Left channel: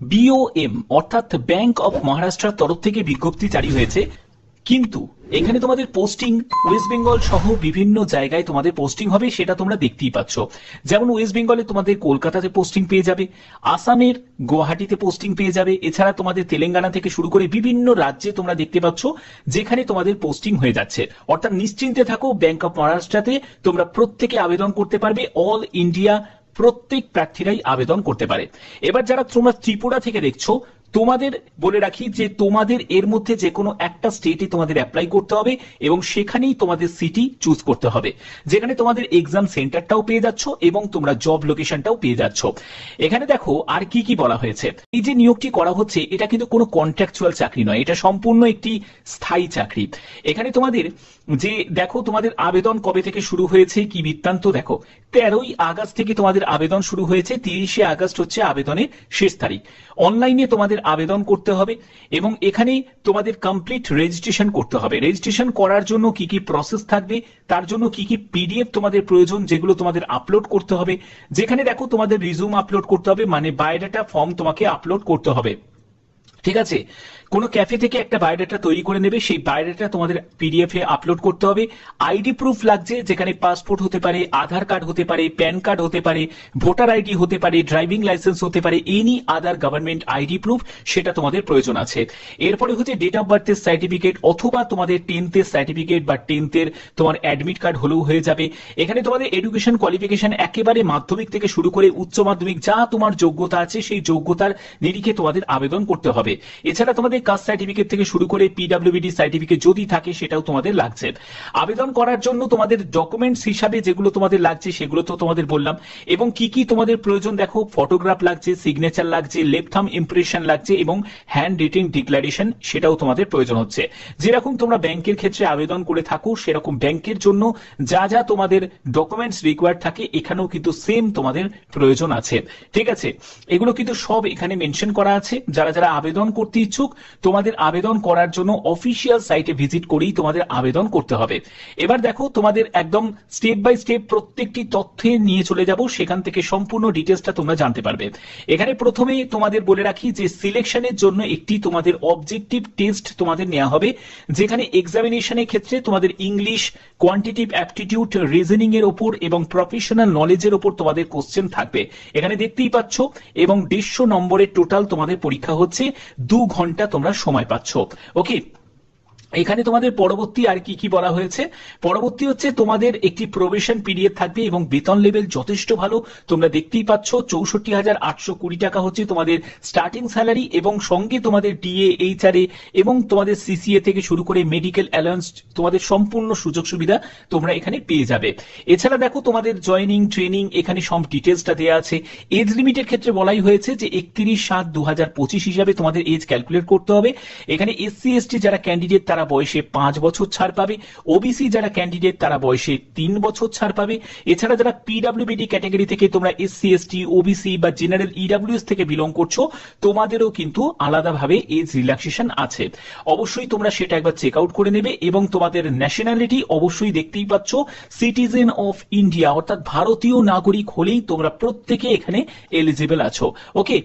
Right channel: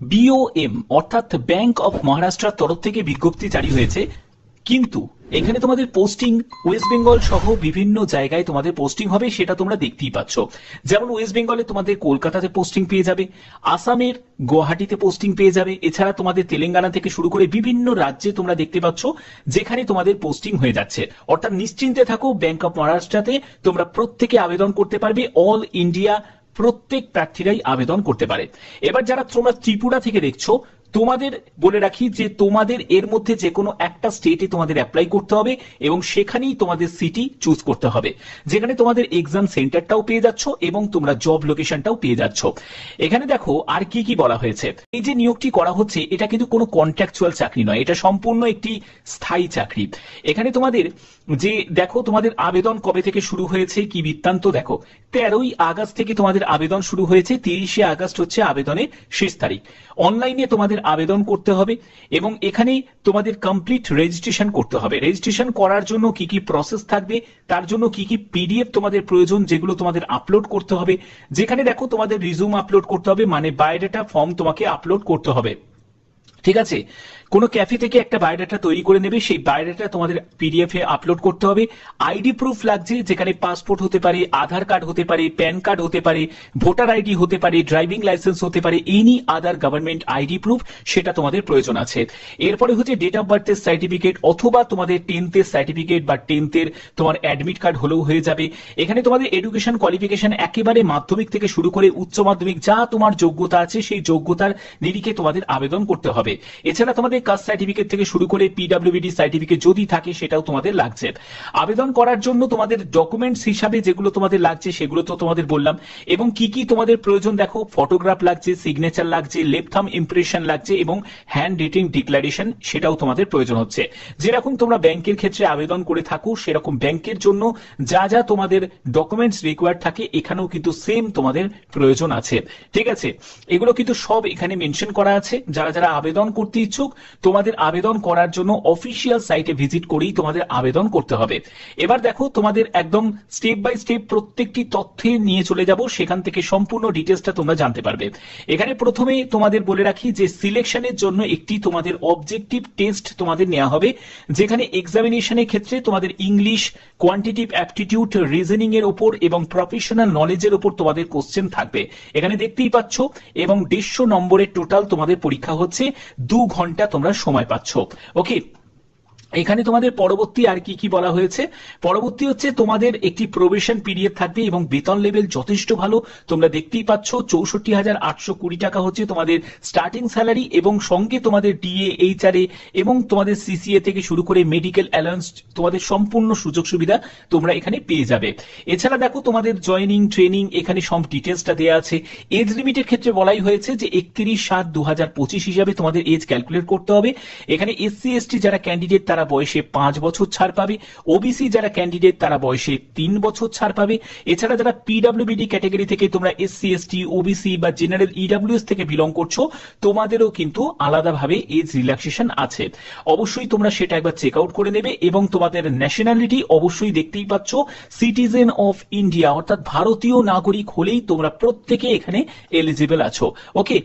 বিওএম অর্থাৎ bank of মহারাষ্ট্রের তরফ থেকে বিজ্ঞপ্তি জারি হয়েছে, কিন্তু এখানে তোমাদের পোস্টিং ওয়েস্ট বেঙ্গল সহ বিভিন্ন জায়গায় তোমাদের পোস্টিং হবে, সেটা তোমরা দেখতেই পাচ্ছ। যেমন ওয়েস্ট বেঙ্গলে তোমাদের কলকাতাতে পোস্টিং পেয়ে যাবে, আসামের গুয়াহাটিতে পোস্টিং পেয়ে যাবে, এছাড়া তোমাদের তেলেঙ্গানা থেকে শুরু করে বিভিন্ন রাজ্যে তোমরা দেখতে পাচ্ছ যেখানে তোমাদের পোস্টিং হয়ে যাচ্ছে। অর্থাৎ নিশ্চিন্তে থাকো, ব্যাংক অফ মহারাষ্ট্রতে তোমরা প্রত্যেকে আবেদন করতে পারবে, অল ইন্ডিয়া প্রত্যেক প্রার্থীরাই আবেদন করতে পারে। এবার যারা তোমরা ত্রিপুরা থেকে দেখছো, তোমাদের বলে রাখি যে তোমাদের এর মধ্যে যে কোনো একটা স্টেটে তোমাদের অ্যাপ্লাই করতে হবে এবং সেখানেই তোমাদের সিটি চুজ করতে হবে, যেখানে তোমাদের এক্সাম সেন্টারটাও পেয়ে যাচ্ছ এবং তোমরা জব লোকেশনটাও পেয়ে যাচ্ছ। এখানে দেখো আর কি কি বলা হয়েছে। এই যে নিয়োগটি করা হচ্ছে এটা কিন্তু কোনো কন্ট্রাকচুয়াল চাকরি নয়, এটা সম্পূর্ণ একটি স্থায়ী চাকরি। এখানে তোমাদের যে দেখো তোমাদের আবেদন কবে থেকে শুরু হয়েছে কি বৃত্তান্ত দেখো, 13ই আগস্ট থেকে তোমাদের আবেদন শুরু হয়েছে, 30শে আগস্ট হচ্ছে আবেদনের শেষ তারিখ। অনলাইনে তোমাদের আবেদন করতে হবে এবং এখানে তোমাদের কমপ্লিট রেজিস্ট্রেশন করতে হবে। রেজিস্ট্রেশন করার জন্য কি কি প্রসেস থাকবে, তার জন্য কি কি পিডিএফ তোমাদের প্রয়োজন যেগুলো তোমাদের আপলোড করতে হবে, যেখানে দেখো তোমাদের রিজুম আপলোড করতে হবে, মানে বায়োডাটা ফর্ম তোমাকে আপলোড করতে হবে। ঠিক আছে, কোন ক্যাফে থেকে একটা বায়োডাটা তৈরি করে নেবে, সেই বায়োডাটা তোমাদের পিডিএফ এ আপলোড করতে হবে। আইডি প্রুফ লাগছে, যেখানে পাসপোর্ট হতে পারে, আধার কার্ড হতে পারে, প্যান কার্ড হতে পারে, ভোটার আইডি হতে পারে, ড্রাইভিং লাইসেন্স হতে পারে, any other government ID proof সেটা তোমাদের প্রয়োজন আছে। এরপরে হচ্ছে ডেট অফ বার্থের সার্টিফিকেট অথবা তোমাদের 10th এর সার্টিফিকেট বা 10th এর তোমার অ্যাডমিট কার্ড হলেও হয়ে যাবে। এখানে তোমাদের এডুকেশন কোয়ালিফিকেশন একেবারে মাধ্যমিক থেকে শুরু করে উচ্চ মাধ্যমিক যা তোমার যোগ্যতা আছে সেই যোগ্যতার নিরিখে তোমাদের আবেদন করতে হবে। এছাড়া তোমাদের কাস্ট সার্টিফিকেট থেকে শুরু করে পিডব্লিউডি সার্টিফিকেট যদি থাকে সেটাও তোমাদের লাগছে। আবেদন করার জন্য তোমাদের ডকুমেন্টস হিসাবে যেগুলো তোমাদের লাগছে সেগুলো তো তোমাদের বললাম, এবং কি কি তোমাদের প্রয়োজন দেখো, ফটোগ্রাফ লাগছে, সিগনেচার লাগছে, লেফট থাম্ব ইমপ্রেশন লাগছে এবং হ্যান্ড রিটিং ডিক্লারেশন সেটাও তোমাদের প্রয়োজন হচ্ছে। যেরকম তোমরা ব্যাংকের ক্ষেত্রে আবেদন করে থাকো সেরকম ব্যাংকের জন্য যা যা তোমাদের ডকুমেন্টস রিকোয়ার্ড থাকে এখানেও কিন্তু সেম তোমাদের প্রয়োজন আছে। ঠিক আছে, এগুলো কিন্তু সব এখানে মেনশন করা আছে। যারা যারা আবেদন করতে ইচ্ছুক তোমাদের আবেদন করার জন্য অফিসিয়াল সাইটে ভিজিট করেই তোমাদের আবেদন করতে হবে। এবার দেখো তোমাদের একদম স্টেপ বাই স্টেপ প্রত্যেকটি তথ্যে নিয়ে চলে যাব, সেখান থেকে সম্পূর্ণ ডিটেলসটা তোমরা জানতে পারবে। এখানে প্রথমে তোমাদের বলে রাখি যে সিলেকশনের জন্য একটি তোমাদের অবজেক্টিভ টেস্ট তোমাদের নেওয়া হবে, যেখানে এক্সামিনেশনের ক্ষেত্রে তোমাদের ইংলিশ, কোয়ান্টিটিভ অ্যাপটিটিউড, রিজনিং এর উপর এবং প্রফেশনাল নলেজের উপর তোমাদের কোশ্চেন থাকবে। এখানে দেখতেই পাচ্ছ, এবং 150 নম্বরের টোটাল তোমাদের পরীক্ষা হচ্ছে, 2 ঘন্টা তোমরা সময় পাচ্ছ। ওকে, এখানে তোমাদের পরবর্তী আর কি কি বলা হয়েছে, পরবর্তী হচ্ছে তোমাদের একটি প্রবেশন পিরিয়ড থাকবে এবং বেতন লেভেল যথেষ্ট ভালো। তোমরা দেখতেই পাচ্ছ 64,820 টাকা হচ্ছে তোমাদের স্টার্টিং স্যালারি, এবং সঙ্গে তোমাদের ডিএ, এইচআরএ এবং তোমাদের সিসিএ থেকে শুরু করে মেডিকেল অ্যালাউন্স তোমাদের সম্পূর্ণ সুযোগ সুবিধা তোমরা এখানে পেয়ে যাবে। এছাড়া দেখো তোমাদের জয়নিং, ট্রেনিং এখানে সব ডিটেলসটা দেওয়া আছে। এজ লিমিটের ক্ষেত্রে বলাই হয়েছে যে 31/7/2025 হিসাবে তোমাদের এজ ক্যালকুলেট করতে হবে। এখানে এসসি এসটি যারা ক্যান্ডিডেট তারা বয়সে 5 বছর ছাড় পাবে, ওবিসি যারা ক্যান্ডিডেট তারা বয়সে 3 বছর ছাড় পাবে। এছাড়া যারা পিডব্লিউবিডি ক্যাটাগরি থেকে তোমরা এসসি এসটি, ওবিসি বা জেনারেল ইডব্লিউএস থেকে বিলং করছো, তোমাদেরও কিন্তু আলাদাভাবে এজ রিল্যাক্সেশন আছে। অবশ্যই তোমরা সেটা একবার চেক আউট করে নেবে। এবং তোমাদের ন্যাশনালিটি অবশ্যই দেখতেই পাচ্ছ সিটিজেন অফ ইন্ডিয়া, অর্থাৎ ভারতীয় নাগরিক হলেই তোমরা প্রত্যেকে এখানে এলিজিবল আছো। ওকে,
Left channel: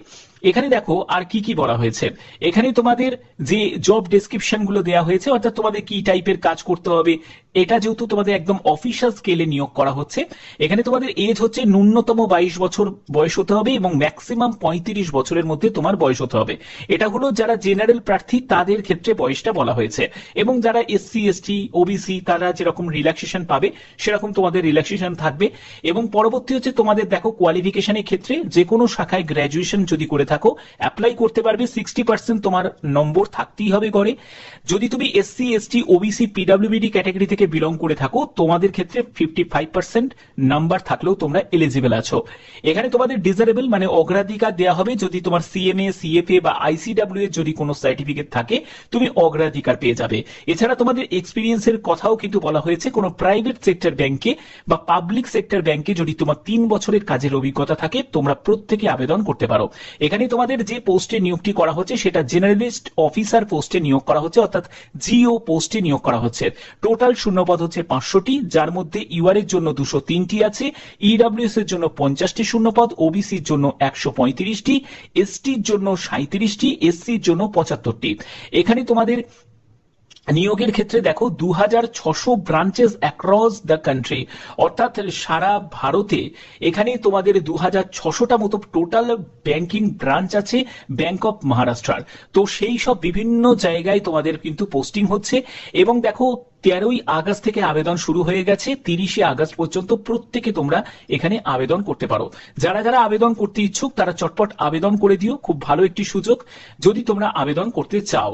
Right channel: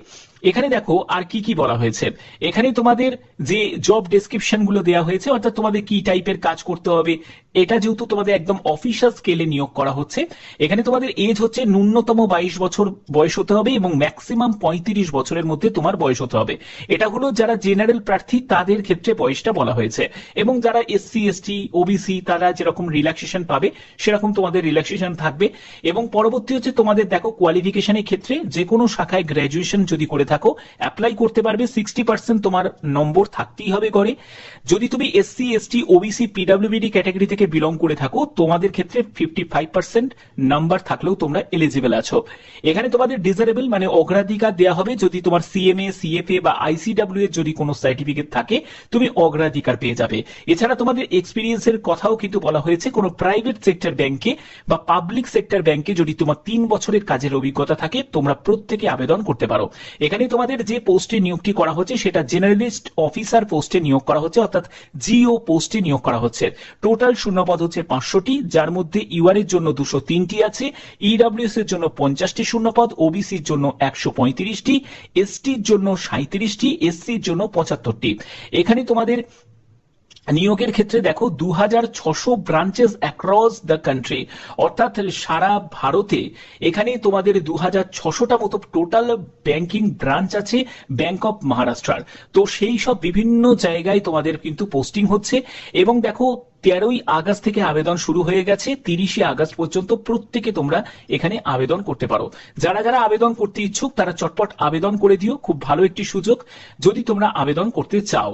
এখানে দেখো আর কি কি বলা হয়েছে। এখানে তোমাদের যে জব ডেসক্রিপশন গুলো দেওয়া হয়েছে, অর্থাৎ তোমাদের কি টাইপের কাজ করতে হবে, এটা যেহেতু তোমাদের একদম অফিসিয়াল স্কেলে নিয়োগ করা হচ্ছে, এখানে তোমাদের এজ হচ্ছে ন্যূনতম 22 বছর বয়স হতে হবে এবং ম্যাক্সিমাম 35 বছরের মধ্যে তোমার বয়স হতে হবে। এটা হলো যারা জেনারেল প্রার্থী তাদের ক্ষেত্রে বয়সটা বলা হয়েছে, এবং যারা এসসি এসটি ওবিসি তারা যেরকম রিল্যাক্সেশন পাবে সেরকম তোমাদের রিল্যাক্সেশন থাকবে। এবং পরবর্তী হচ্ছে তোমাদের দেখো কোয়ালিফিকেশনের ক্ষেত্রে যে কোনো শাখায় গ্র্যাজুয়েশন যদি করে থাকো অ্যাপ্লাই করতে পারবে, 60% তোমার নম্বর থাকতেই হবে গড়ে। যদি তুমি এসসি এসটি ওবিসি পিডব্লিউবিডি ক্যাটাগরি থেকে বিলং করে থাকো তোমাদের ক্ষেত্রে 55% নাম্বার থাকলেও তোমরা এলিজিবল আছো। এখানে তোমাদের ডিজারেবল মানে অগ্রাধিকার দেওয়া হবে, যদি তোমার সিএমএ, সিএফএ বা আইসিডব্লিউ এর যদি কোনো সার্টিফিকেট থাকে তুমি অগ্রাধিকার পেয়ে যাবে। এছাড়া তোমাদের এক্সপিরিয়েন্সের কথাও কিন্তু বলা হয়েছে, কোনো প্রাইভেট সেক্টর ব্যাংকে বা পাবলিক সেক্টর ব্যাংকে যদি তোমার 3 বছরের কাজের অভিজ্ঞতা থাকে তোমরা প্রত্যেকে আবেদন করতে পারো। এখানে এখানে তোমাদের যে পোস্টে নিয়োগটি করা হচ্ছে সেটা জেনারেলিস্ট অফিসার পোস্টে নিয়োগ করা হচ্ছে, অর্থাৎ জিও পোস্টে নিয়োগ করা হচ্ছে। টোটাল শূন্যপদ হচ্ছে 500টি, যার মধ্যে ইউআর এর জন্য 203টি আছে, ইডব্লিউএস এর জন্য 50টি শূন্যপদ, ওবিসির জন্য 135টি, এসটির জন্য 37টি, এসসির জন্য 75টি। এখানে তোমাদের নিয়োগের ক্ষেত্রে দেখো 2600 ব্রাঞ্চেস অ্যাক্রস দ্য কান্ট্রি, অর্থাৎ সারা ভারতে এখানে তোমাদের 2600টা মতো টোটাল ব্যাংকিং ব্রাঞ্চ আছে ব্যাংক অফ মহারাষ্ট্রার। তো সেই সব বিভিন্ন জায়গায় তোমাদের কিন্তু পোস্টিং হচ্ছে। এবং দেখো 13ই আগস্ট থেকে আবেদন শুরু হয়ে গেছে, 30শে আগস্ট পর্যন্ত প্রত্যেকে তোমরা এখানে আবেদন করতে পারো। যারা যারা আবেদন করতে ইচ্ছুক তারা চটপট আবেদন করে দিও, খুব ভালো একটি সুযোগ যদি তোমরা আবেদন করতে চাও।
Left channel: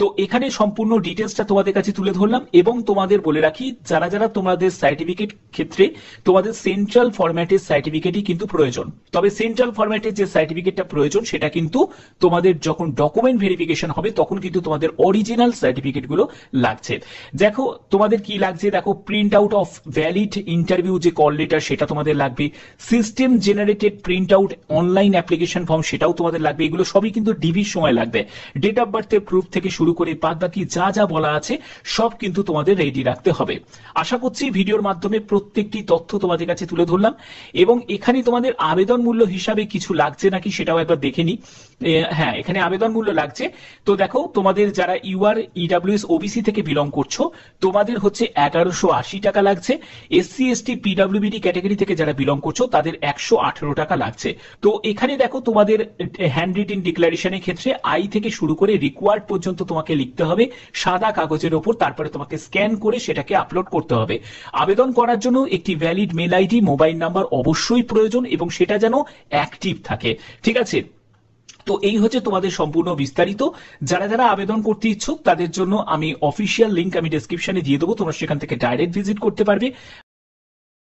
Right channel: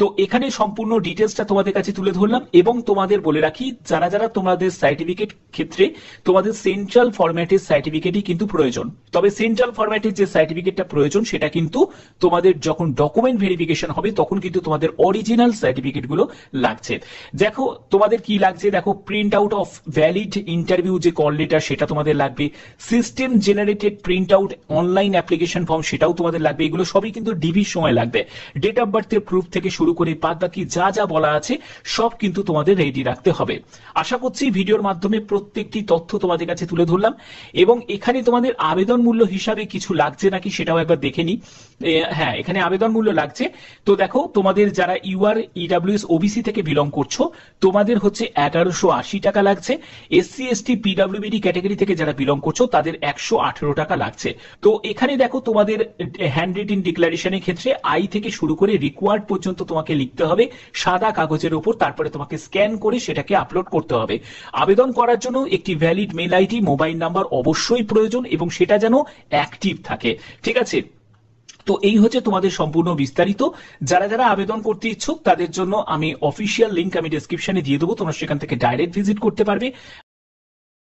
তো এখানে সম্পূর্ণ ডিটেলসটা তোমাদের কাছে তুলে ধরলাম। এবং তোমাদের বলে রাখি, যারা যারা তোমাদের সার্টিফিকেট ক্ষেত্রে তোমাদের সেন্ট্রাল ফরম্যাটের সার্টিফিকেটই কিন্তু প্রয়োজন। তবে সেন্ট্রাল ফরম্যাটের যে সার্টিফিকেটটা প্রয়োজন সেটা কিন্তু তোমাদের যখন ডকুমেন্ট ভেরিফিকেশন হবে তখন কিন্তু তোমাদের অরিজিনাল সার্টিফিকেট গুলো লাগছে। দেখো তোমাদের কি লাগছে, দেখো print out of valid interview যে কল লেটার সেটা তোমাদের লাগবে, system generated print out online application form সেটাও তোমাদের লাগবে। এগুলো সবই কিন্তু ডিভির সময় লাগবে। ডেট অফ বার্থের প্রুফ থেকে শুরু করে বাদ বাকি যা যা বলা আছে সব কিন্তু তোমাদের রেডি রাখতে হবে। আশা করছি ভিডিওর মাধ্যমে প্রত্যেকটি তথ্য তোমাদের কাছে তুলে ধরলাম। এবং এখানে তোমাদের আবেদন মূল্য হিসাবে কিছু লাগছে নাকি সেটাও একবার দেখে নি। হ্যাঁ, এখানে আবেদন মূল্য লাগছে। তো দেখো তোমাদের যারা ইউআর, ইডব্লিউএস, ওবিসি থেকে বিলং করছো তোমাদের হচ্ছে 1180 টাকা লাগছে। এসসি, এসটি, পিডব্লিউবিডি ক্যাটাগরি থেকে যারা বিলং করছো তাদের 118 টাকা লাগছে। তো এখানে দেখো তোমাদের হ্যান্ড রিটেন ডিক্লারেশনের ক্ষেত্রে আই থেকে শুরু করে রিকোয়ার্ড পর্যন্ত তোমাকে লিখতে হবে সাদা কাগজের ওপর, তারপরে তোমাকে স্ক্যান করে সেটাকে আপলোড করতে হবে। আবেদন করার জন্য একটি valid mail ID, mobile number অবশ্যই প্রয়োজন এবং সেটা যেন অ্যাক্টিভ থাকে। ঠিক আছে, তো এই হচ্ছে তোমাদের সম্পূর্ণ বিস্তারিত। যারা যারা আবেদন করতে ইচ্ছুক তাদের জন্য আমি অফিসিয়াল লিংক আমি ডেসক্রিপশনে দিয়ে দেবো, তোমরা সেখান থেকে ডাইরেক্ট ভিজিট করতে পারবে।